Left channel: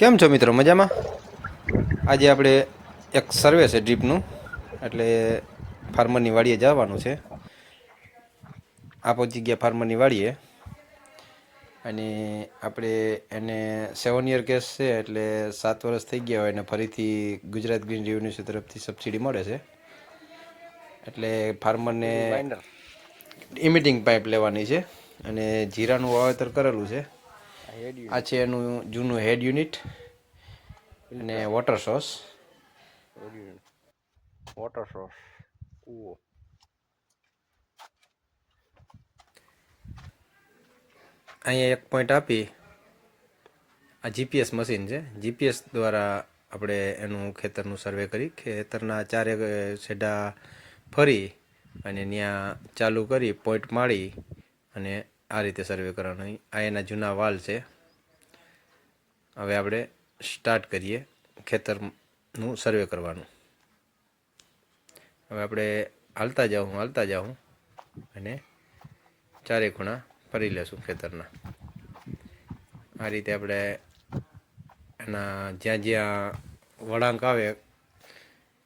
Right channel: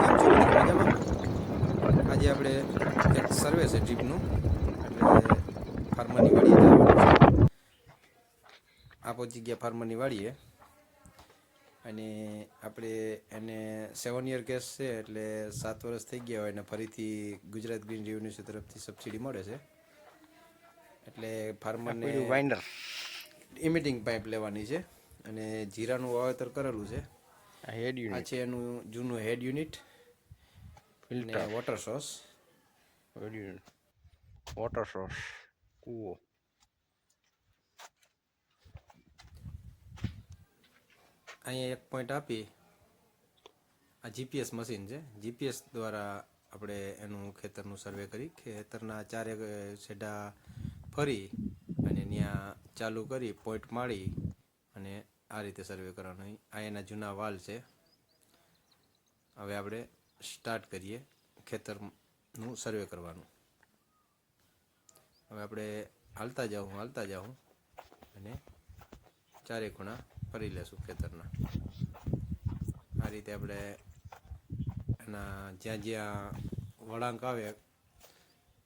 કેમ છો મિત્રો? મજામાં? આજે આપણે એક સર્વે છે ડ્રીપનું, એટલે ફાર્મરની વાડીએ જવાનું છે. આ પહોંચી ગયા ફાર્મરની વાડીએ, અને આપણે એને 7 યર કેસ છે, એટલે 7 વર્ષ થઈ ગયા હોય અને ફરીથી ગુજરાત ગ્રીન રેવન્યુ તરફથી સબસિડી મળે છે. એટલે ફાર્મરને ઇમિટિંગ પાઇપ લેવાની છે, અને જીરાનું વાવેતર કરેલું છે. આ છે એનું જૂનું હેડ યુનિટ અને વોટર સોર્સ. કૂવો અહીંયા એક પોઈન્ટ આપી, આ જીપીએસ મશીન છે. જીપીએસ દ્વારા આપણે એનું ખેતરનું સર્વે કરી, ખેતરના ચારે છેડા ફરી અને ત્યાં ચાલુ કરી પોઈન્ટ મારી અને આ રીતે સર્વે કરવાનું. આ એના જૂના વાલ છે. હવે આપણે સ્ટાર્ટ કરીએ ખેતરનું સર્વે કરવાનું. હવે આપણે હાલતા જાઉં અને ચારે ખૂણા ફરી લેશું ખેતરના. આ રીતે આપણે એના જ્યાં જ્યાં વળાંક આવે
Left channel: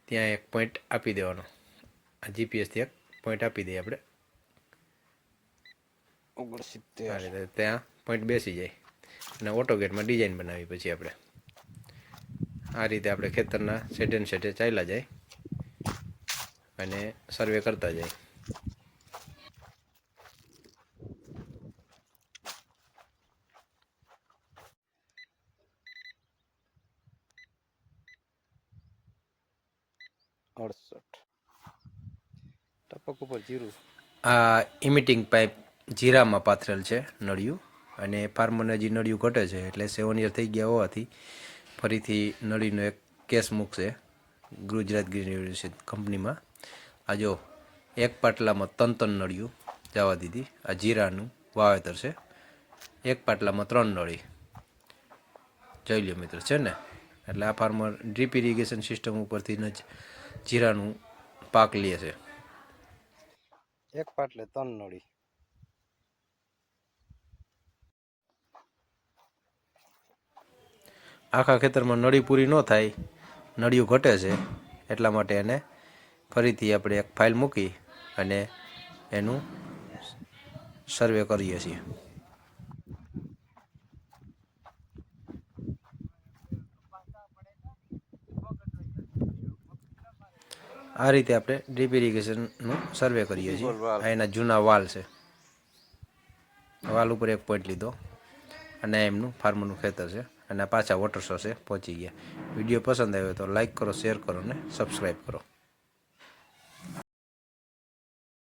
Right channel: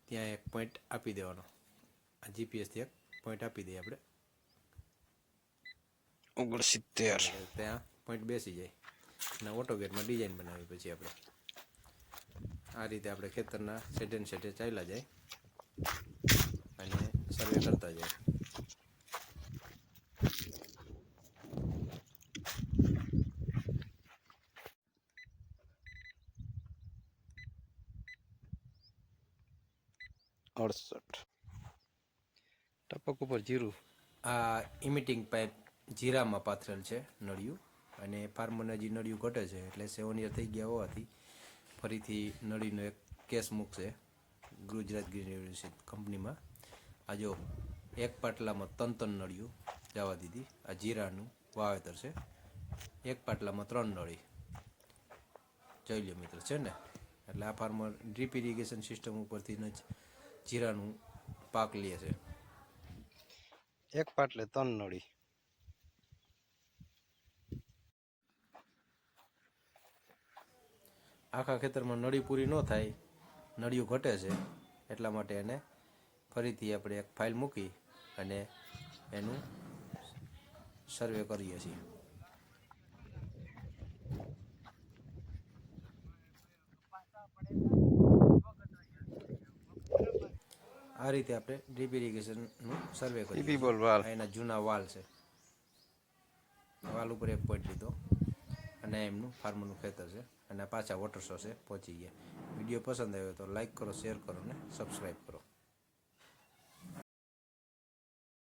ત્યાં એક પોઈન્ટ આપી દેવાનો. આ જીપીએસથી એક પોઈન્ટ આપી દઈએ આપણે. 69 ત્યાં પોઈન્ટ બેસી જાય અને ઓટોગેટમાં ડિઝાઇન બનાવી. પછી આપણે આ રીતે આપણે ખેતરના સેટે ચાલ્યા જાય અને સર્વે કરતા જાય. આ ઇમિટિંગ પાઇપ જીરામાં પાથરેલ છે નળિયું, અને ફાર્મરને હજી નળિયું ઘટે છે, એટલે 7 યર થઈ ગયા હોવાથી ફરીથી નળીનો એક કેસ મૂકશે ગુજરાત ગ્રીન યુનિવર્સિટી કંપનીમાં. આ જો એક પાટલામાં 3 નળિયું જવા દીધી. આ જીરાનું વાવેતર છે. એક પાટલામાં 3 નળી. જોઈ લો મિત્રો, છે ને? એટલે આ ફાર્મર ડ્રીપ ઇરિગેશન સિસ્ટમ ઉપરથી જ જીરાનું પાક લે છે. એક પાટલે 3 નળી. આખા ખેતરમાં નળી પૂરી ન થાય, નળિયું ઘટે છે, એટલા માટે એને ફરીથી આપણે એક ફાઇલ મૂકી અને એનું સર્વે કરીએ છીએ. આ રીતે આપણે ડ્રીપ ઇરિગેશનનું સર્વે કરીએ છીએ. આ એના જૂના વાલ છે. વાલ ઉપર એક પોઈન્ટ લીધો અને એમનું ફાર્મરનું ખેતર છે, અને પાછા વોટર સોર્સે પહોંચી ગયા. વિડીયો પસંદ આવ્યો તો લાઈક કરો, શેર કરો અને સબસ્ક્રાઈબ કરો.